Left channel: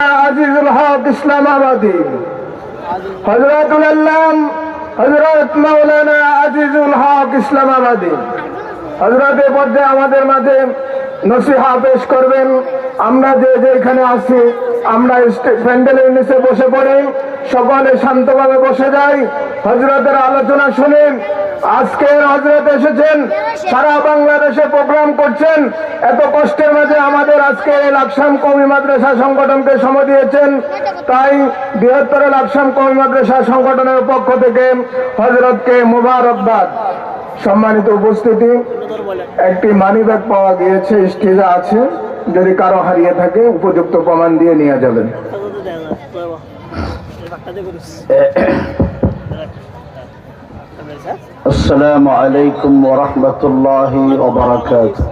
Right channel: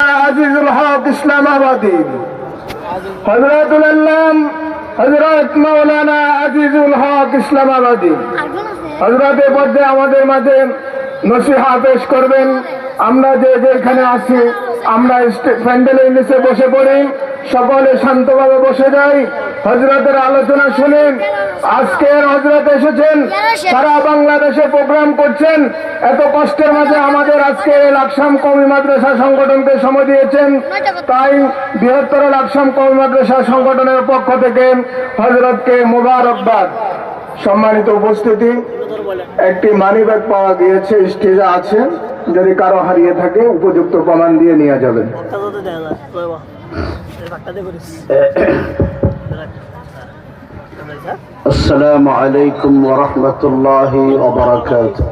আজিজুল হক ইসলামাবাদী হযরতুল আল্লাম হযরত মাওলানা আজিজুল হক ইসলামাবাদী হযরতের মধ্যে আমাদের মাঝে নসিহত পেশ করবেন। আমরা যে যেখানে আছি আমরা প্যান্ডেলের নিচে বসে পড়ি, সকলে শান্তভাবে বসে যাই, হযরতের আলোচনা শুনেন। আজকের হযরত এসেছেন, সারা বাংলাদেশে প্রোগ্রাম করছেন, এত কষ্টের মাঝে আমাদের আজকে লাকসাম কওমি মাদ্রাসা সংগঠনকে সময় দিয়েছেন। তাই বৃহত্তর লাকসাম কওমি মাদ্রাসা সংগঠনের পক্ষ থেকে হযরতকে মোবারকবাদ। সম্মানিত উপস্থিতি, একটি মানিব্যাগ পাওয়া গিয়েছে, স্টেজে আছে, যদি কারো হারিয়ে থাকে উপযুক্ত প্রমাণ দিয়ে নিয়ে যাবেন। আসসালামু আলাইকুম ওয়া রাহমাতুল্লাহি ওয়া বারাকাতুহু।